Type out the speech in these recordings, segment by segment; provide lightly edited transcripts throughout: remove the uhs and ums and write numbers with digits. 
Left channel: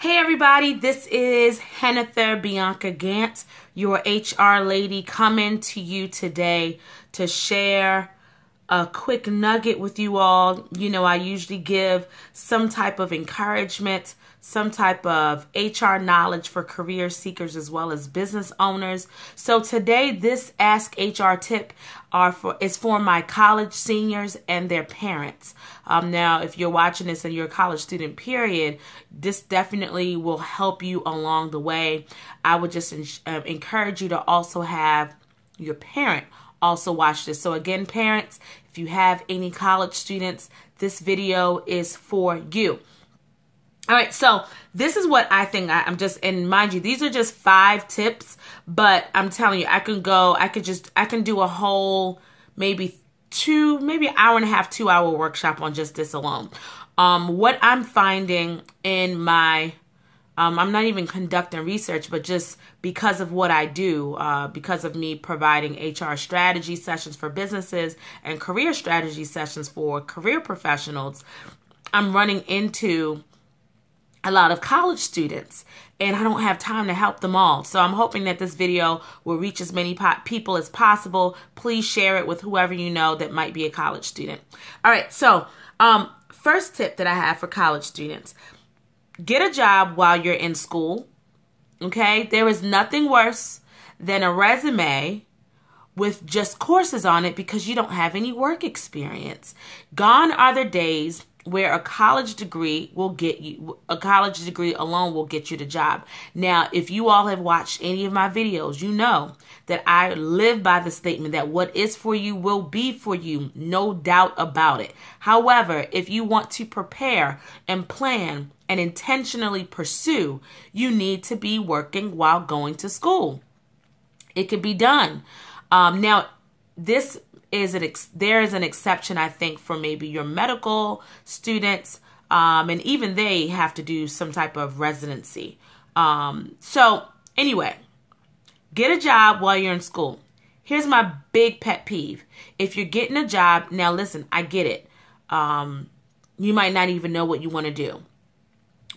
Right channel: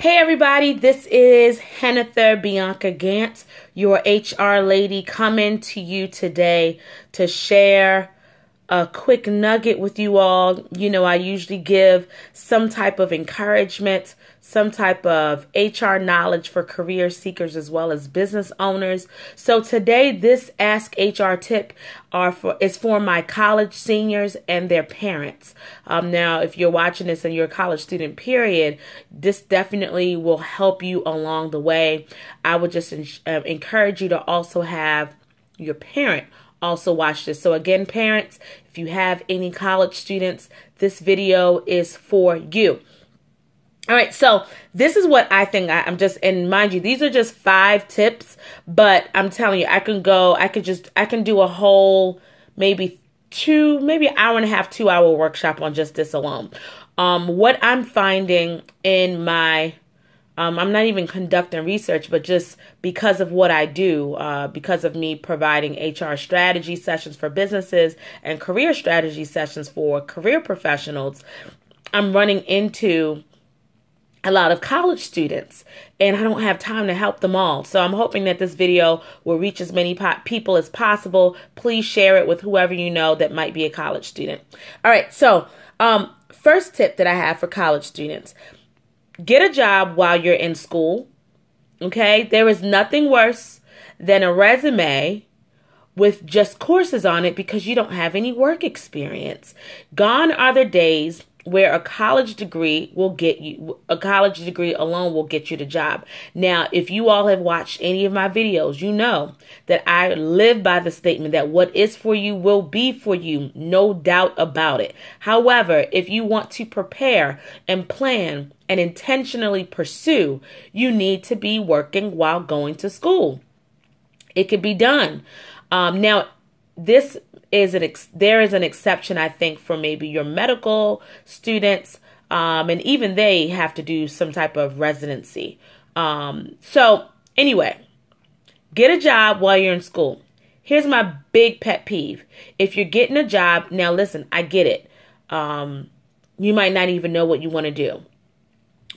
Hey everybody, this is Hennifer Bianca Gantz, your HR lady, coming to you today to share a quick nugget with you all. You know, I usually give some type of encouragement, some type of HR knowledge for career seekers as well as business owners. So today, this Ask HR tip is for my college seniors and their parents. Now, if you're watching this and you're a college student, period, this definitely will help you along the way. I would just encourage you to also have your parent also watch this. So again, parents, if you have any college students, this video is for you. All right, so this is what I think. And mind you, these are just 5 tips, but I'm telling you, I can do a whole maybe an hour and a half, 2-hour workshop on just this alone. What I'm finding in my, I'm not even conducting research, but just because of what I do, because of me providing HR strategy sessions for businesses and career strategy sessions for career professionals, I'm running into a lot of college students, and I don't have time to help them all. So I'm hoping that this video will reach as many people as possible. Please share it with whoever you know that might be a college student. All right, so first tip that I have for college students: get a job while you're in school. Okay, there is nothing worse than a resume with just courses on it because you don't have any work experience. Gone are the days where a college degree alone will get you the job. Now, if you all have watched any of my videos, you know that I live by the statement that what is for you will be for you, no doubt about it. However, if you want to prepare and plan and intentionally pursue, you need to be working while going to school. It can be done. Now, there is an exception, I think, for maybe your medical students, and even they have to do some type of residency. So anyway, get a job while you're in school. Here's my big pet peeve. If you're getting a job, now listen, I get it. You might not even know what you want to do.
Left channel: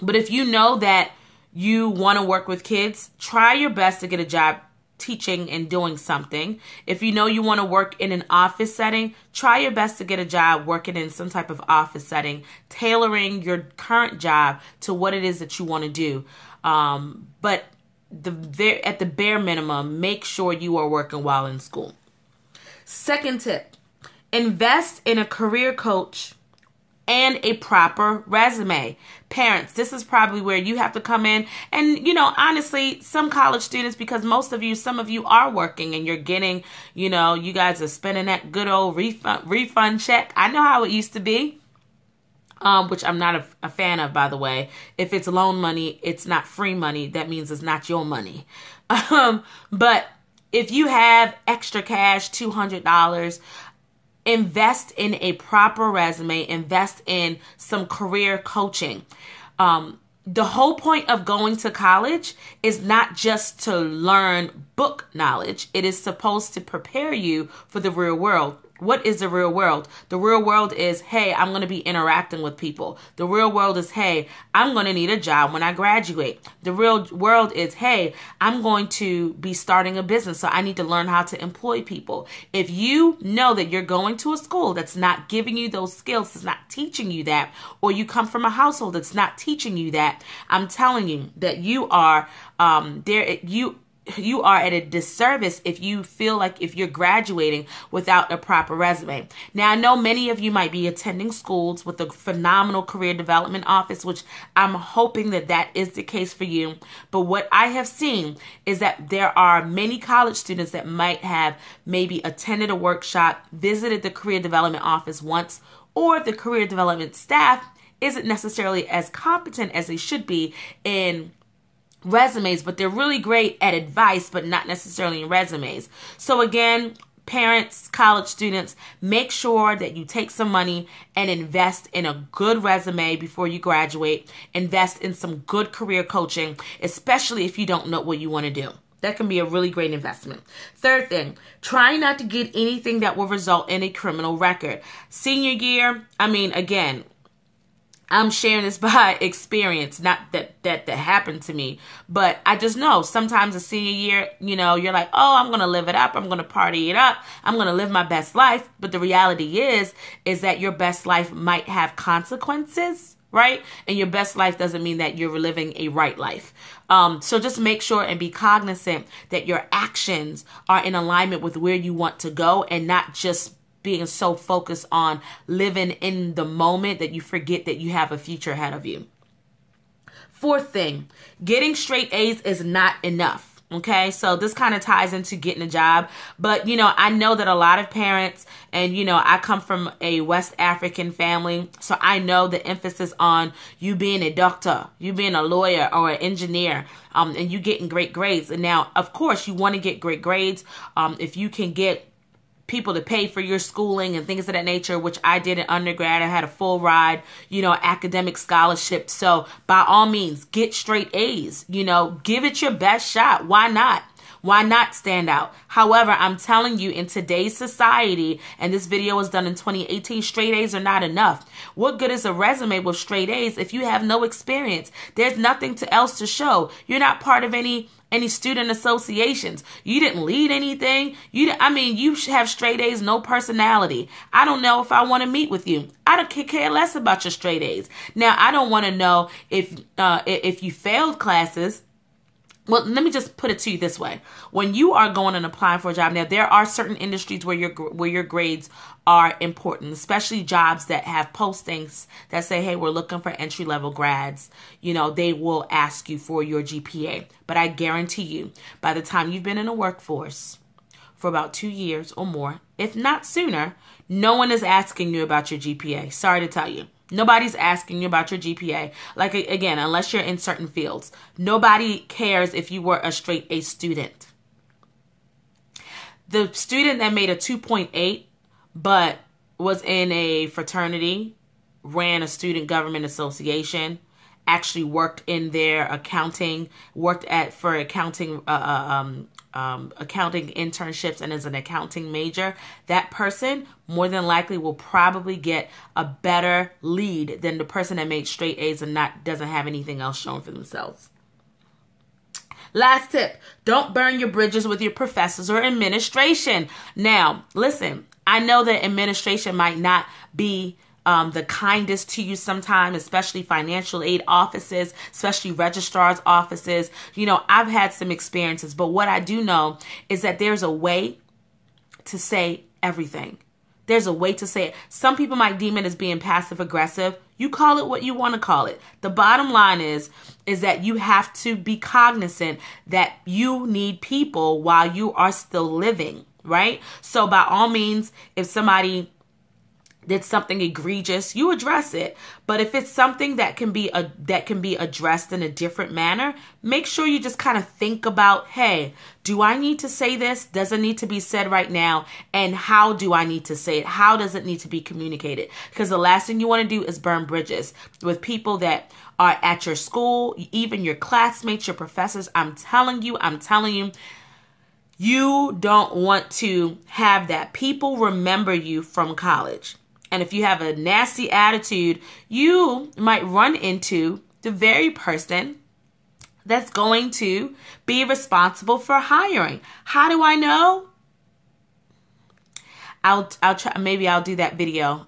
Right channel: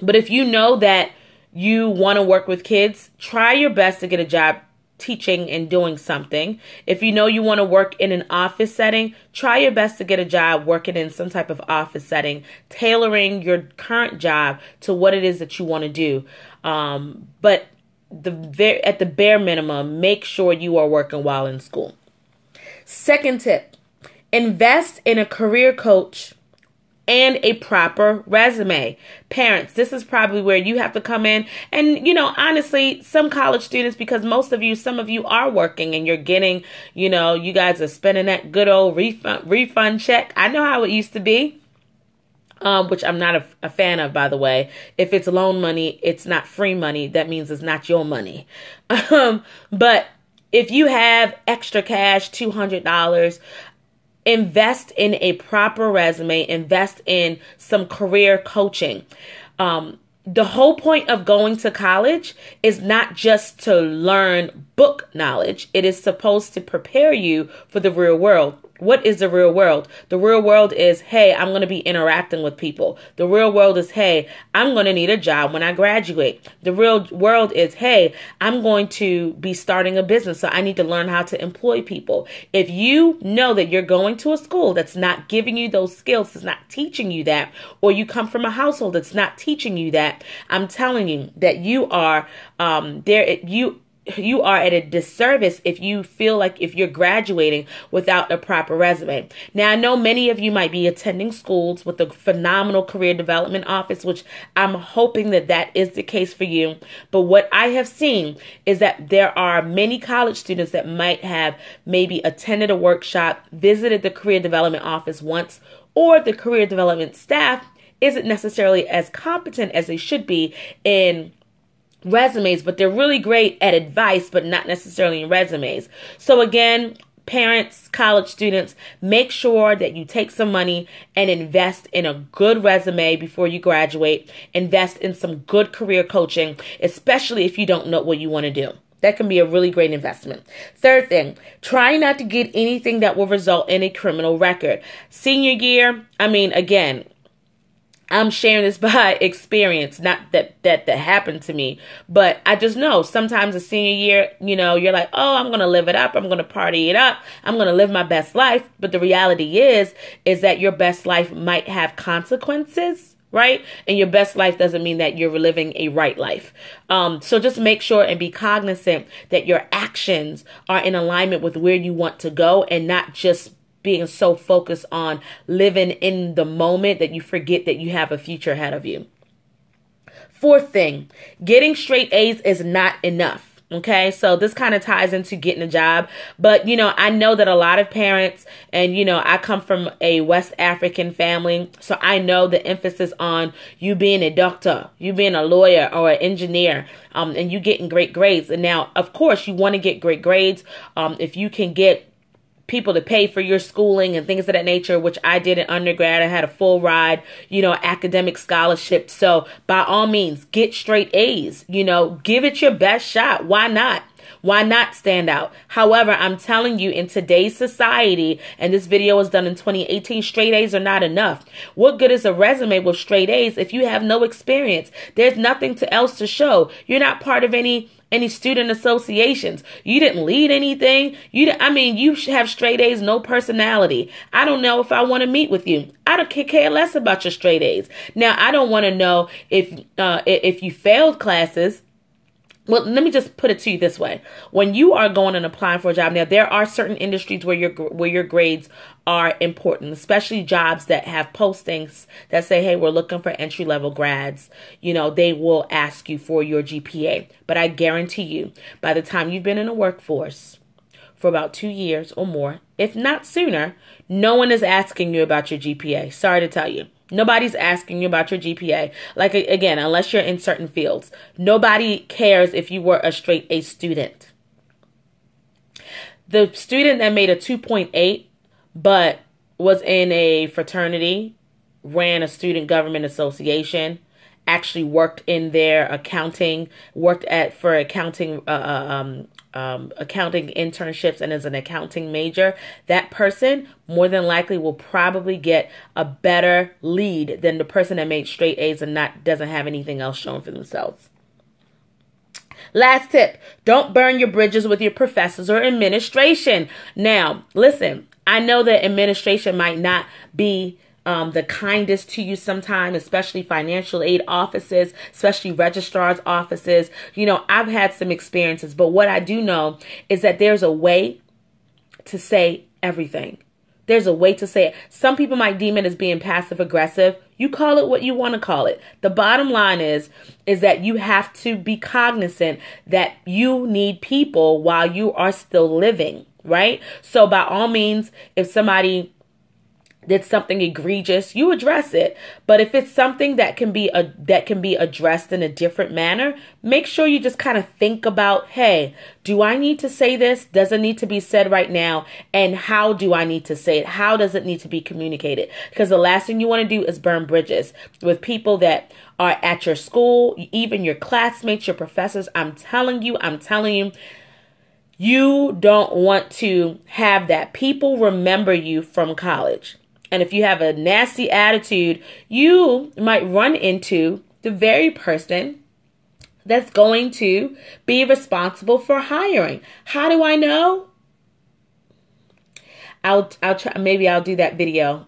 But if you know that you want to work with kids, try your best to get a job teaching and doing something. If you know you want to work in an office setting, try your best to get a job working in some type of office setting, tailoring your current job to what it is that you want to do. But at the bare minimum, make sure you are working while in school. Second tip: invest in a career coach and a proper resume. Parents, this is probably where you have to come in. And, you know, honestly, some college students, because some of you are working and you're getting, you know, you guys are spending that good old refund check. I know how it used to be, which I'm not a fan of, by the way. If it's loan money, it's not free money. That means it's not your money. But if you have extra cash, $200, invest in a proper resume, invest in some career coaching. The whole point of going to college is not just to learn book knowledge. It is supposed to prepare you for the real world. What is the real world? The real world is, hey, I'm going to be interacting with people. The real world is, hey, I'm going to need a job when I graduate. The real world is, hey, I'm going to be starting a business, so I need to learn how to employ people. If you know that you're going to a school that's not giving you those skills, that's not teaching you that, or you come from a household that's not teaching you that, I'm telling you that you are you are at a disservice if you feel like if you're graduating without a proper resume. Now, I know many of you might be attending schools with a phenomenal career development office, which I'm hoping that is the case for you. But what I have seen is that there are many college students that might have maybe attended a workshop, visited the career development office once, or the career development staff isn't necessarily as competent as they should be in resumes, but they're really great at advice, but not necessarily in resumes. So again, parents, college students, make sure that you take some money and invest in a good resume before you graduate. Invest in some good career coaching, especially if you don't know what you want to do. That can be a really great investment. Third thing, try not to get anything that will result in a criminal record. Senior year, I mean, again, I'm sharing this by experience, not that happened to me, but I just know sometimes a senior year, you know, you're like, oh, I'm going to live it up. I'm going to party it up. I'm going to live my best life. But the reality is that your best life might have consequences, right? And your best life doesn't mean that you're living a right life. So just make sure and be cognizant that your actions are in alignment with where you want to go, and not just being so focused on living in the moment that you forget that you have a future ahead of you. Fourth thing, getting straight A's is not enough. Okay, so this kind of ties into getting a job. But, you know, I know that a lot of parents, and, you know, I come from a West African family, so I know the emphasis on you being a doctor, you being a lawyer or an engineer, and you getting great grades. And now, of course, you want to get great grades if you can get people to pay for your schooling and things of that nature, which I did in undergrad. I had a full ride, you know, academic scholarship. So by all means, get straight A's, you know, give it your best shot. Why not? Why not stand out? However, I'm telling you, in today's society, and this video was done in 2018, straight A's are not enough. What good is a resume with straight A's if you have no experience? There's nothing else to show. You're not part of any student associations. You didn't lead anything. You have straight A's, no personality. I don't know if I want to meet with you. I don't care less about your straight A's. Now, I don't want to know if you failed classes. Well, let me just put it to you this way. When you are going and applying for a job, now there are certain industries where your grades are important, especially jobs that have postings that say, hey, we're looking for entry-level grads. You know, they will ask you for your GPA. But I guarantee you, by the time you've been in the workforce for about 2 years or more, if not sooner, no one is asking you about your GPA. Sorry to tell you. Nobody's asking you about your GPA. Like, again, unless you're in certain fields. Nobody cares if you were a straight A student. The student that made a 2.8 but was in a fraternity, ran a student government association, actually worked in their accounting, for accounting internships, and as an accounting major, that person more than likely will probably get a better lead than the person that made straight A's and doesn't have anything else shown for themselves. Last tip, don't burn your bridges with your professors or administration. Now, listen, I know that administration might not be the kindest to you sometimes, especially financial aid offices, especially registrar's offices. You know, I've had some experiences, but what I do know is that there's a way to say everything. There's a way to say it. Some people might deem it as being passive aggressive. You call it what you want to call it. The bottom line is that you have to be cognizant that you need people while you are still living, right? So by all means, if somebody did something egregious, you address it. But if it's something that can be addressed in a different manner, make sure you just kind of think about, hey, do I need to say this? Does it need to be said right now? And how do I need to say it? How does it need to be communicated? Because the last thing you want to do is burn bridges with people that are at your school, even your classmates, your professors. I'm telling you, you don't want to have that. People remember you from college. And if you have a nasty attitude, you might run into the very person that's going to be responsible for hiring. How do I know? I'll try. Maybe I'll do that video.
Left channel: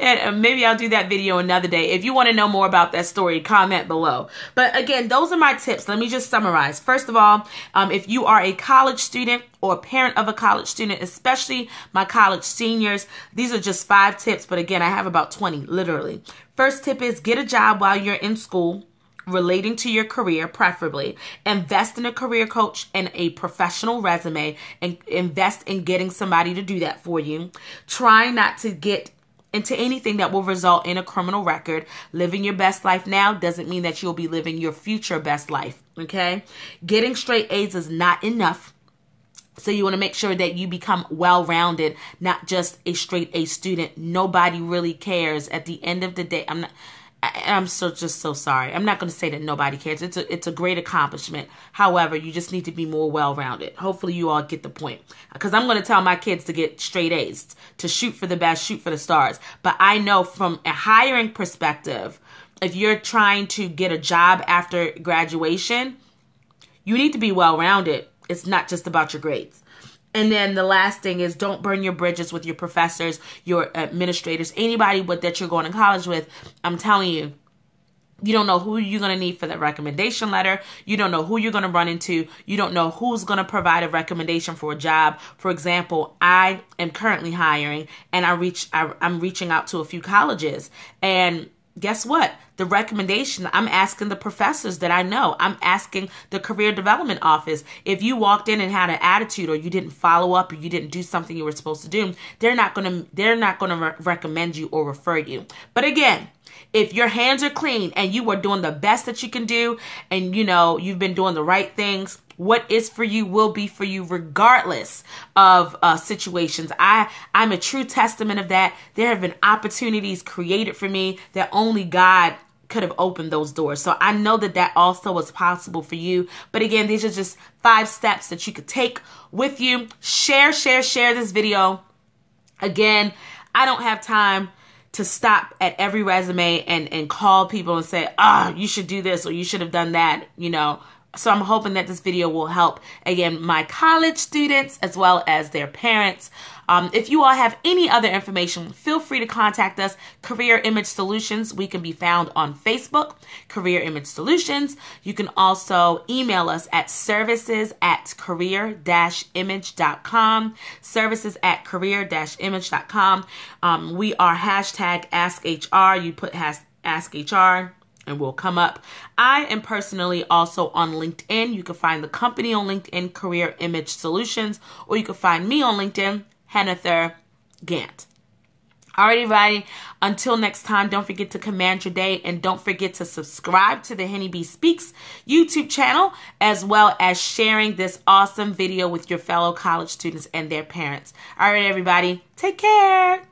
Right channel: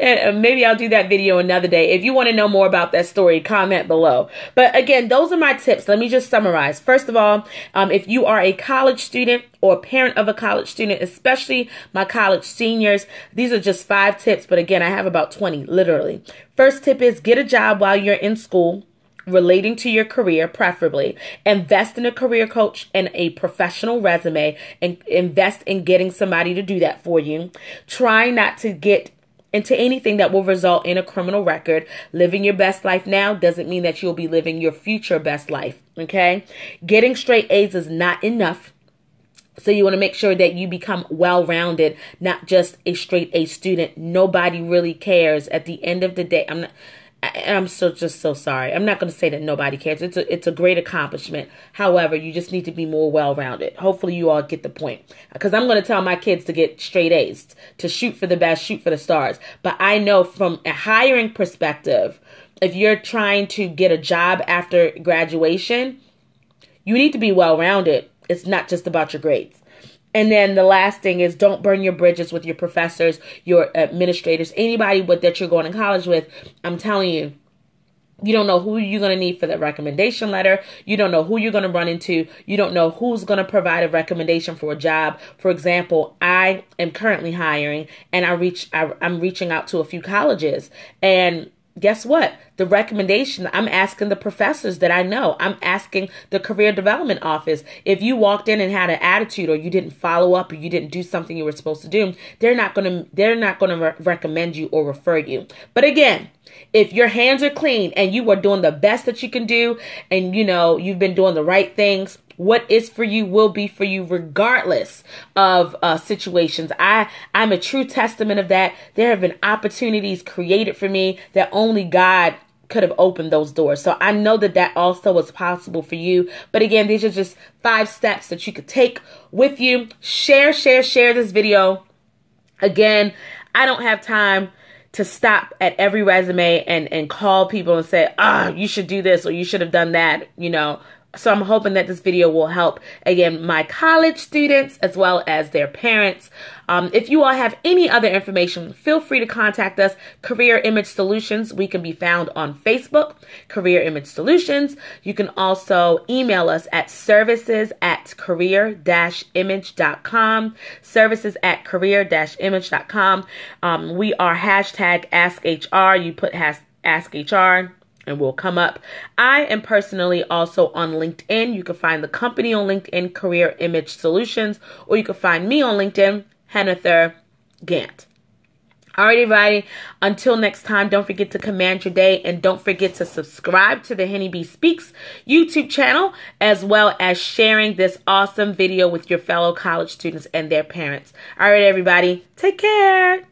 And maybe I'll do that video another day. If you want to know more about that story, comment below. But again, those are my tips. Let me just summarize. First of all, if you are a college student or a parent of a college student, especially my college seniors, these are just 5 tips. But again, I have about 20, literally. First tip is get a job while you're in school, relating to your career, preferably. Invest in a career coach and a professional resume, and invest in getting somebody to do that for you. Try not to get into anything that will result in a criminal record. Living your best life now doesn't mean that you'll be living your future best life, okay? Getting straight A's is not enough. So you want to make sure that you become well-rounded, not just a straight A student. Nobody really cares at the end of the day. I'm just so sorry. I'm not going to say that nobody cares. It's a great accomplishment. However, you just need to be more well-rounded. Hopefully you all get the point. Because I'm going to tell my kids to get straight A's, to shoot for the best, shoot for the stars. But I know from a hiring perspective, if you're trying to get a job after graduation, you need to be well-rounded. It's not just about your grades. And then the last thing is, don't burn your bridges with your professors, your administrators, anybody that you're going to college with. I'm telling you, you don't know who you're going to need for the recommendation letter. You don't know who you're going to run into. You don't know who's going to provide a recommendation for a job. For example, I am currently hiring, and I'm reaching out to a few colleges. And guess what? The recommendation, I'm asking the professors that I know. I'm asking the career development office. If you walked in and had an attitude, or you didn't follow up, or you didn't do something you were supposed to do, they're not going to recommend you or refer you. But again, if your hands are clean and you are doing the best that you can do, and you've been doing the right things, what is for you will be for you regardless of situations. I'm a true testament of that. There have been opportunities created for me that only God could have opened those doors. So I know that also was possible for you. But again, these are just 5 steps that you could take with you. Share this video. Again, I don't have time to stop at every resume and call people and say, you should do this or you should have done that, So I'm hoping that this video will help, again, my college students as well as their parents. If you all have any other information, feel free to contact us, Career Image Solutions. We can be found on Facebook, Career Image Solutions. You can also email us at services@career-image.com, services@career-image.com. We are #AskHR. You put #AskHR. and we'll come up. I am personally also on LinkedIn. You can find the company on LinkedIn, Career Image Solutions, or you can find me on LinkedIn, Hennifer Gant. All right, everybody. Until next time, don't forget to command your day, and don't forget to subscribe to the Henny B Speaks YouTube channel, as well as sharing this awesome video with your fellow college students and their parents. All right, everybody. Take care.